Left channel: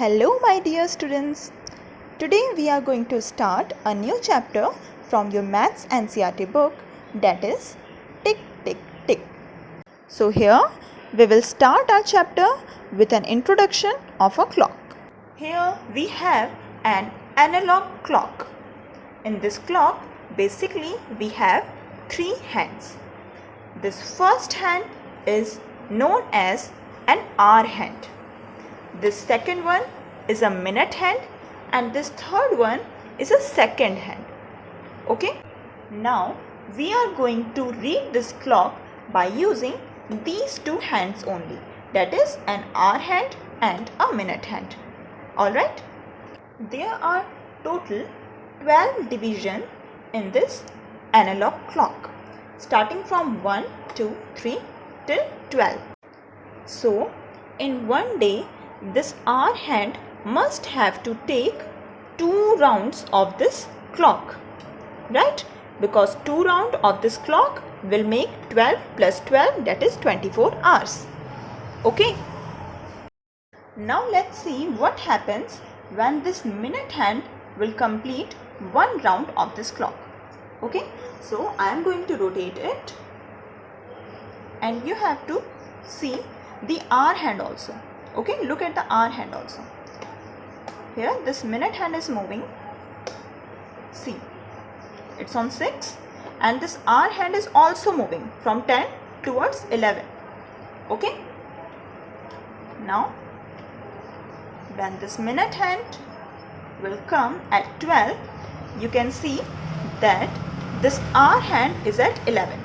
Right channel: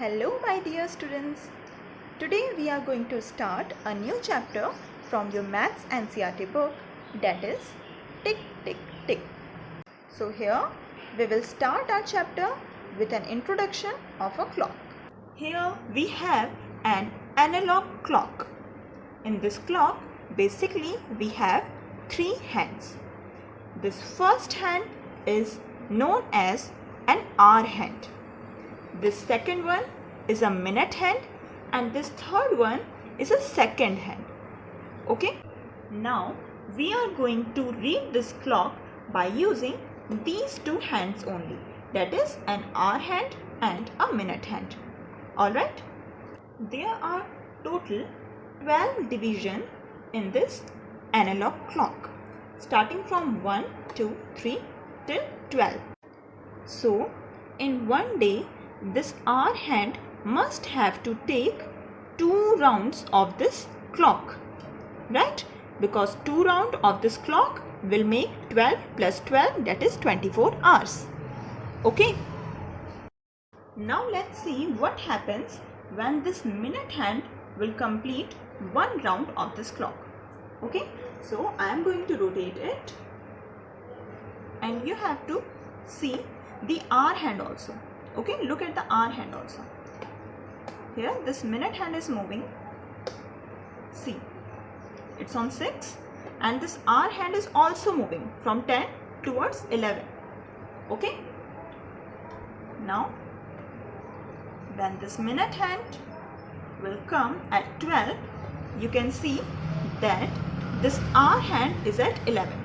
Hello my dear students. Today we are going to start a new chapter from your Maths NCERT book, that is Tick Tick Tick. So here we will start our chapter with an introduction of a clock. Here we have an analog clock. In this clock basically we have three hands. This first hand is known as an hour hand. This second one is a minute hand and this third one is a second hand. Okay? Now we are going to read this clock by using these two hands only, that is an hour hand and a minute hand. Alright? There are total 12 divisions in this analog clock, starting from 1, 2, 3 till 12. So in one day this hour hand must have to take 2 rounds of this clock, right? Because 2 rounds of this clock will make 12 plus 12, that is 24 hours. Okay. Now let's see what happens when this minute hand will complete 1 round of this clock. Okay. So I am going to rotate it and you have to see the hour hand also. Okay, look at the hour hand also. Here this minute hand is moving. See, it's on 6 and this hour hand is also moving from 10 towards 11. Okay. Now when this minute hand will come at 12, you can see that this hour hand is at 11.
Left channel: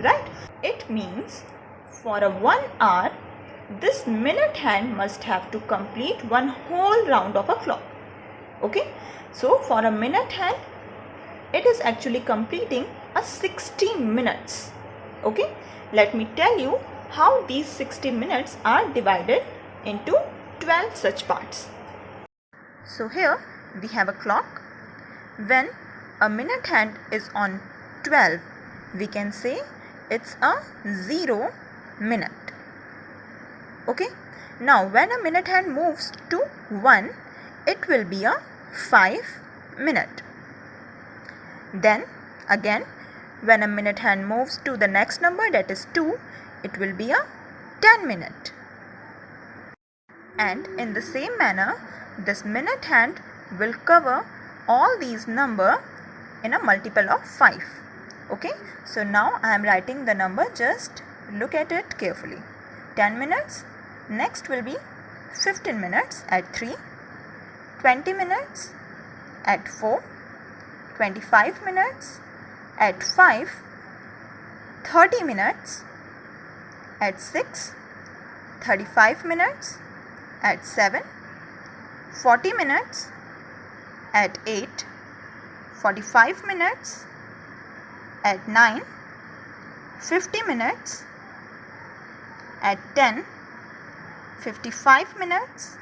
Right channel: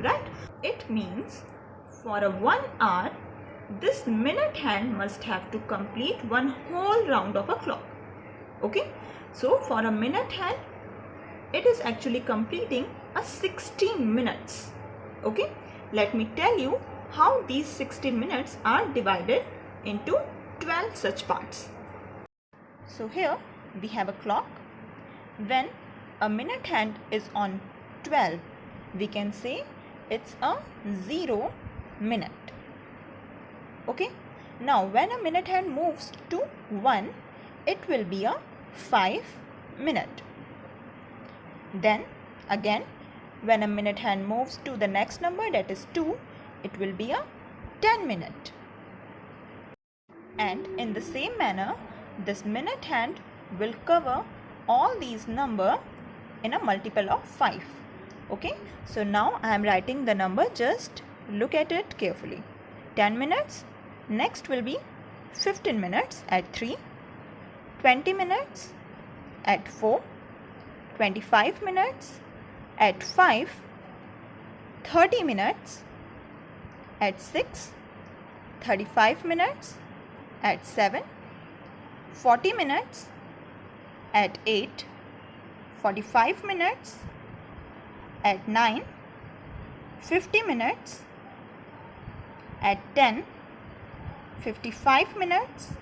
Right? It means for a 1 hour this minute hand must have to complete 1 whole round of a clock. Okay. So for a minute hand it is actually completing a 60 minutes. Okay. Let me tell you how these 60 minutes are divided into 12 such parts. So here we have a clock. When a minute hand is on 12, we can say it's a 0 minute. Okay. Now when a minute hand moves to 1, it will be a 5 minute. Then again when a minute hand moves to the next number, that is 2, it will be a 10 minute. And in the same manner this minute hand will cover all these number in a multiple of 5. Okay. So now I am writing the number, just look at it carefully. 10 minutes. Next will be 15 minutes at 3, 20 minutes at 4, 25 minutes at 5, 30 minutes at 6, 35 minutes at 7, 40 minutes at 8, 45 minutes at 9, 50 minutes at 10, 55 minutes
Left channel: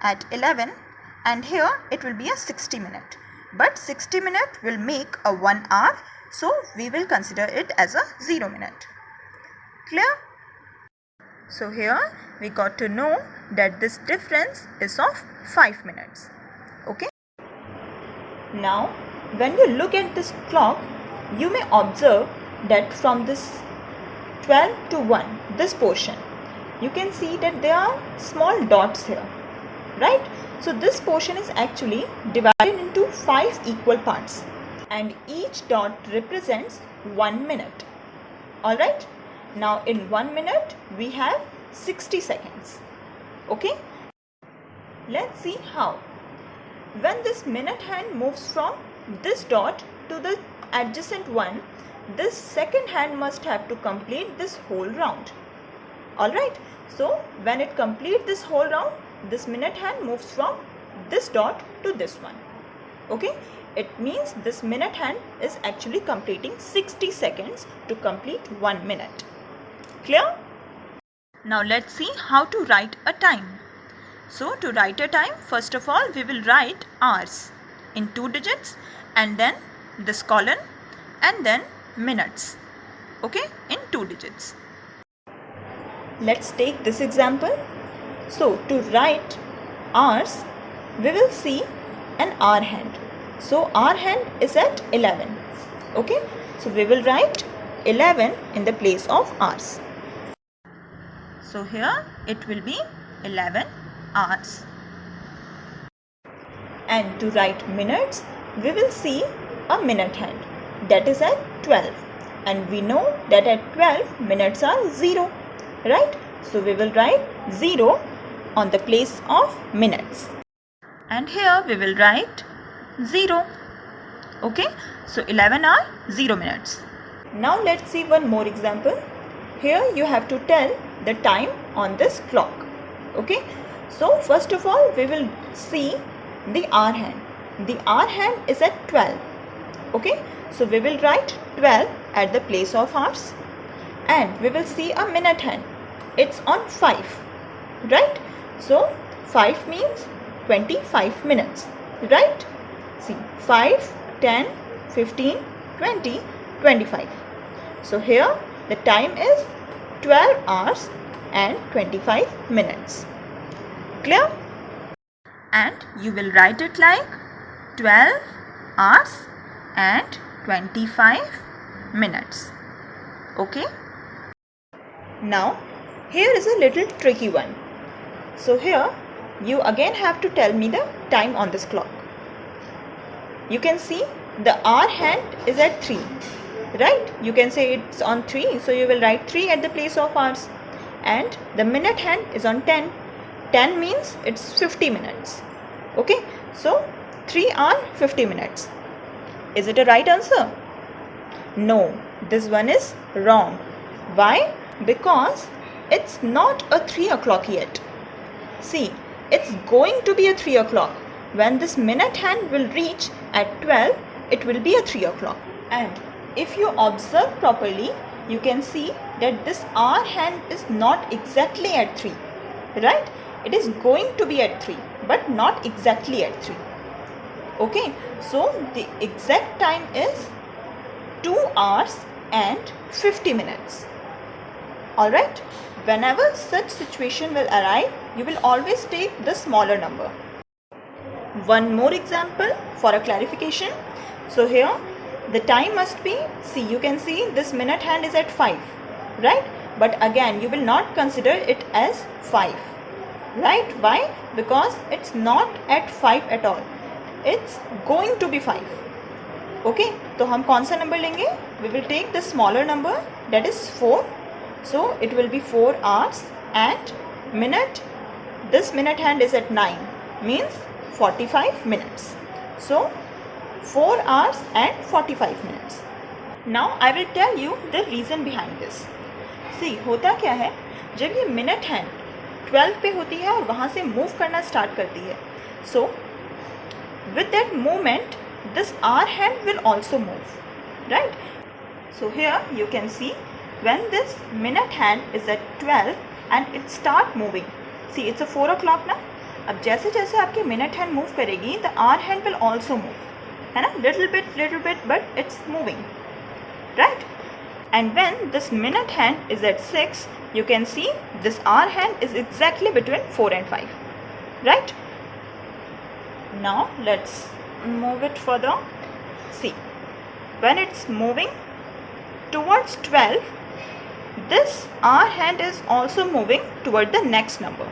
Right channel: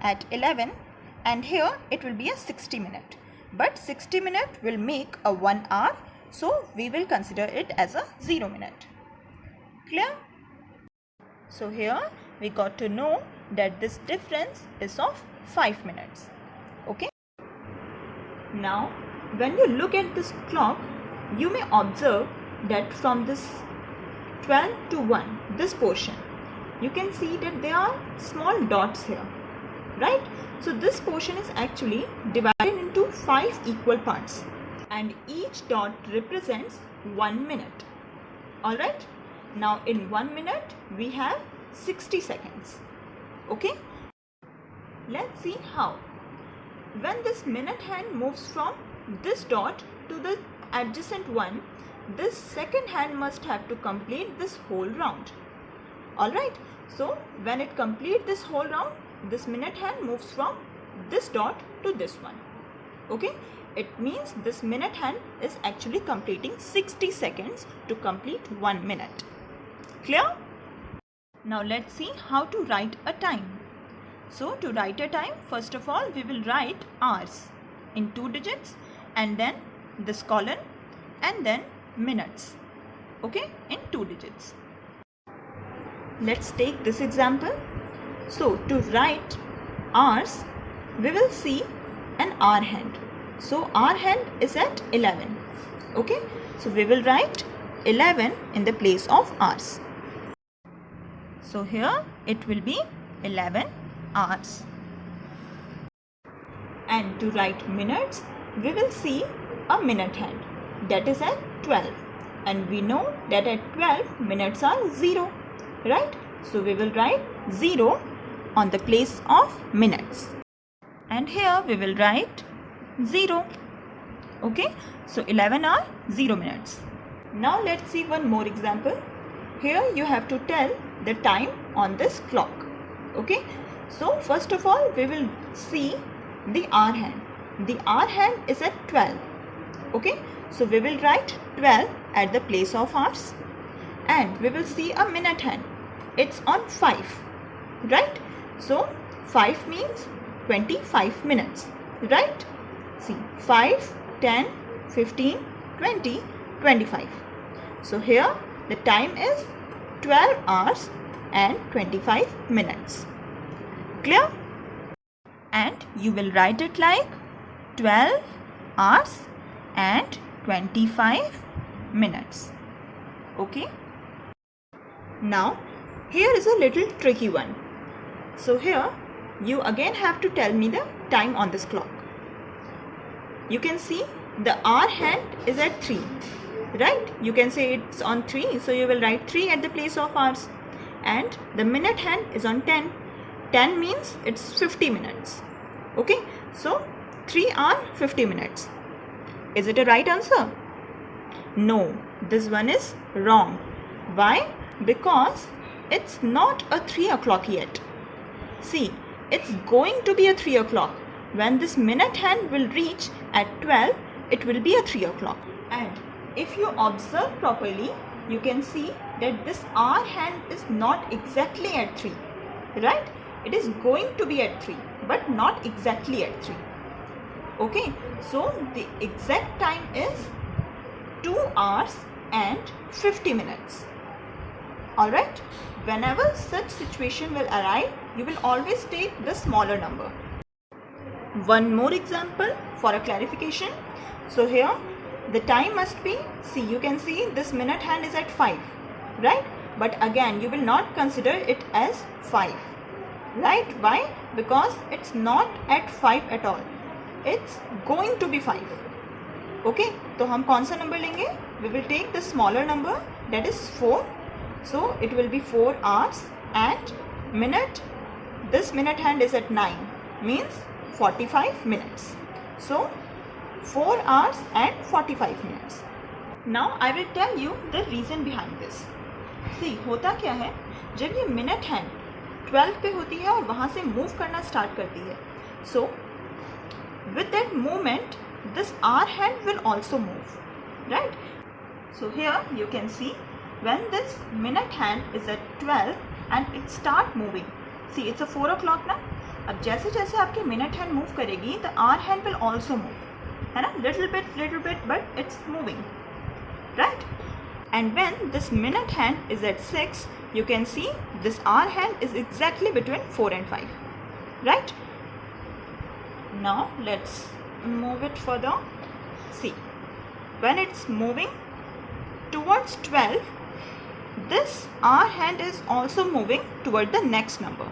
at 11, and here it will be a 60 minute. But 60 minute will make a 1 hour, so we will consider it as a 0 minute. Clear? So here we got to know that this difference is of 5 minutes. Okay. Now when you look at this clock, you may observe that from this 12 to 1, this portion, you can see that there are small dots here, right? So this portion is actually divided into 5 equal parts and each dot represents 1 minute. Alright. Now in 1 minute we have 60 seconds. Okay. Let's see how. When this minute hand moves from this dot to the adjacent one, this second hand must have to complete this whole round. Alright, so when it completes this whole round, this minute hand moves from this dot to this one. Okay, it means this minute hand is actually completing 60 seconds to complete 1 minute. Clear? Now let's see how to write a time. So to write a time, first of all we will write hours in 2 digits and then this colon and then minutes. Okay, in 2 digits. Let's take this example. So to write hours, we will see an hour hand. So hour hand is at 11. Okay, so we will write 11 in the place of hours. So here it will be 11 hours. And to write minutes, we will see a minute hand, that is at 12. And we know that at 12 minutes are 0, right? So we will write 0 on the place of minutes. And here we will write 0. Okay, so 11 are 0 minutes. Now let's see one more example. Here you have to tell the time on this clock. Okay, so first of all we will see the hour hand. The hour hand is at 12. Okay, so we will write 12 at the place of hours. And we will see a minute hand. It's on 5, right? So 5 means 25 minutes, right? See, 5, 10, 15, 20, 25. So here the time is 12 hours and 25 minutes. Clear? And you will write it like 12 hours and 25 minutes. Okay? Now, here is a little tricky one. So here, you again have to tell me the time on this clock. You can see the hour hand is at 3, right? You can say it's on 3, so you will write 3 at the place of hours. And the minute hand is on 10. 10 means it's 50 minutes. Okay, so 3 are 50 minutes. Is it a right answer? No, this one is wrong. Why? Because it's not a 3 o'clock yet. See, it's going to be a 3 o'clock. When this minute hand will reach at 12, it will be a 3 o'clock. And if you observe properly, you can see that this hour hand is not exactly at 3, right? It is going to be at 3, but not exactly at 3. Okay, so the exact time is 2 hours and 50 minutes. Alright, whenever such situation will arise, you will always take the smaller number. One more example for a clarification. So here the time must be, see, you can see this minute hand is at 5, right? But again you will not consider it as 5, right? Why? Because it's not at 5 at all. It's going to be 5. Okay, तो हम कौन सा number लेंगे? We will take the smaller number, that is 4. So it will be 4 hours and minute. This minute hand is at 9, means 45 minutes. So 4 hours and 45 minutes. Now I will tell you the reason behind this. See, होता क्या है, जब ये minute hand 12 पे होती है और वहाँ से move करना start करती है. So with that movement, this hour hand will also move, right? So here you can see when this minute hand is at 12 and it start moving. See, it's a 4 o'clock now. अब जैसे जैसे आपके minute hand move करेगी, the hour hand will also move. है ना? Little bit, but it's moving, right? And when this minute hand is at 6, you can see this hour hand is exactly between 4 and 5, right? Now let's move it further. See, when it's moving towards 12, this hour hand is also moving toward the next number.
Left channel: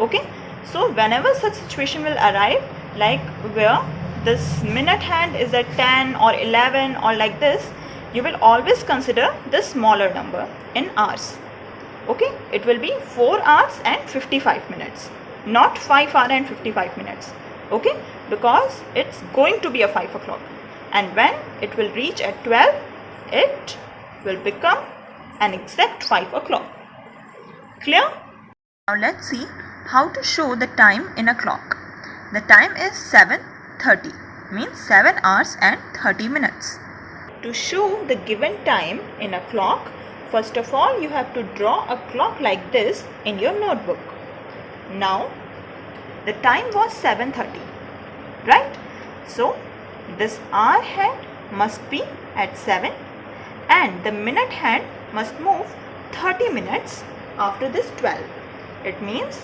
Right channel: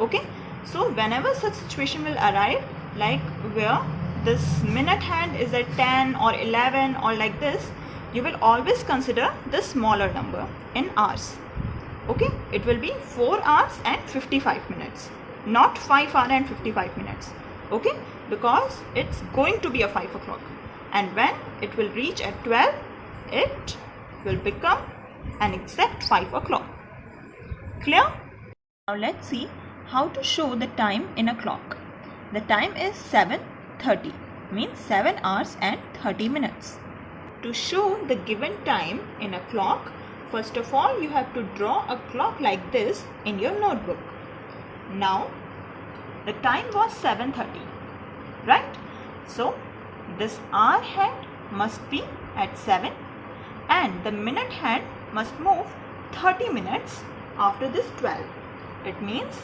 Okay, so whenever such situation will arrive, like where this minute hand is at 10 or 11 or like this, you will always consider the smaller number in hours. Okay, it will be 4 hours and 55 minutes, not 5 hours and 55 minutes. Okay, because it's going to be a 5 o'clock, and when it will reach at 12, it will become an exact 5 o'clock. Clear? Now let's see how to show the time in a clock. The time is 7:30, means 7 hours and 30 minutes. To show the given time in a clock, first of all you have to draw a clock like this in your notebook. Now the time was 7:30, right? So this hour hand must be at 7 and the minute hand must move 30 minutes after this 12. It means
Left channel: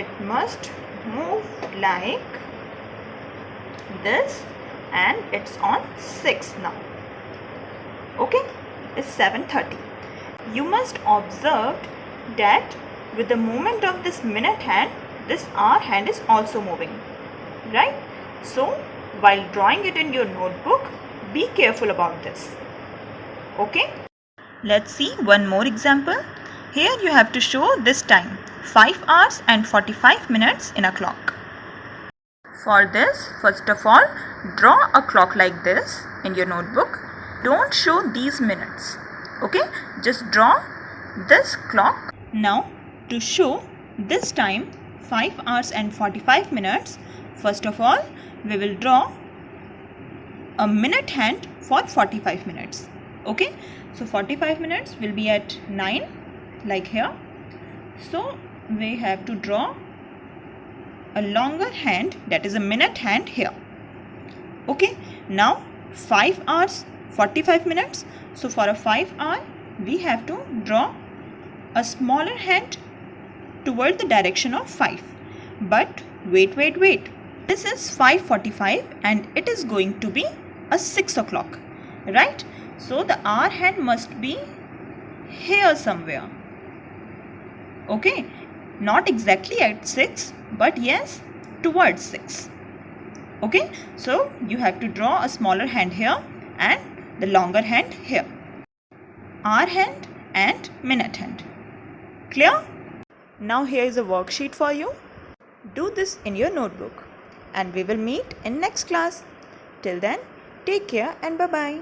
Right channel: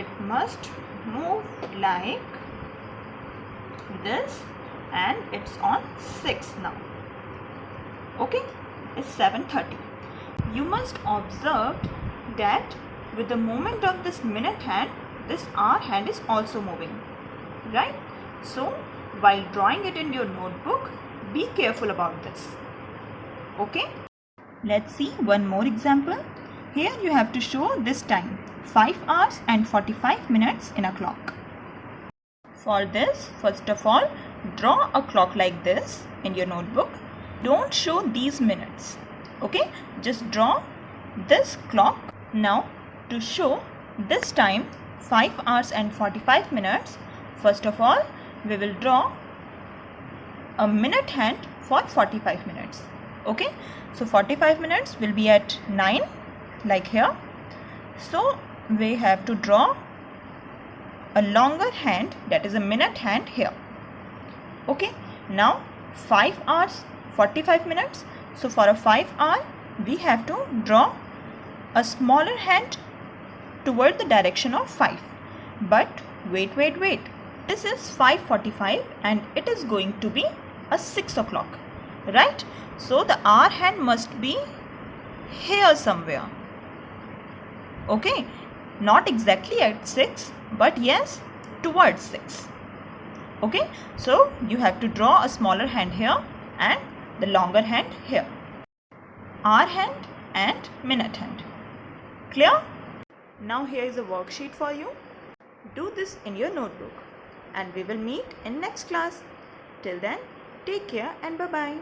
it must move like this, and it's on 6 now. Okay, it's 7:30. You must observe that with the movement of this minute hand, this hour hand is also moving, right? So while drawing it in your notebook, be careful about this. Okay, let's see one more example. Here you have to show this time, 5 hours and 45 minutes in a clock. For this, first of all, draw a clock like this in your notebook. Don't show these minutes. Okay, just draw this clock. Now to show this time, 5 hours and 45 minutes, first of all, we will draw a minute hand for 45 minutes. Okay, so 45 minutes will be at 9, like here. So we have to draw a longer hand, that is a minute hand here. Okay, now 5 hours 45 minutes. So for a 5 hour, we have to draw a smaller hand toward the direction of 5. But wait. This is 5:45 and it is going to be a 6 o'clock, right? So the hour hand must be here somewhere. Okay, not exactly at 6, but yes, towards 6. Okay, so you have to draw a smaller hand here and the longer hand here. Hour hand and minute hand. Clear? Now here is a worksheet for you. Do this in your notebook and we will meet in next class. Till then, take care and bye-bye.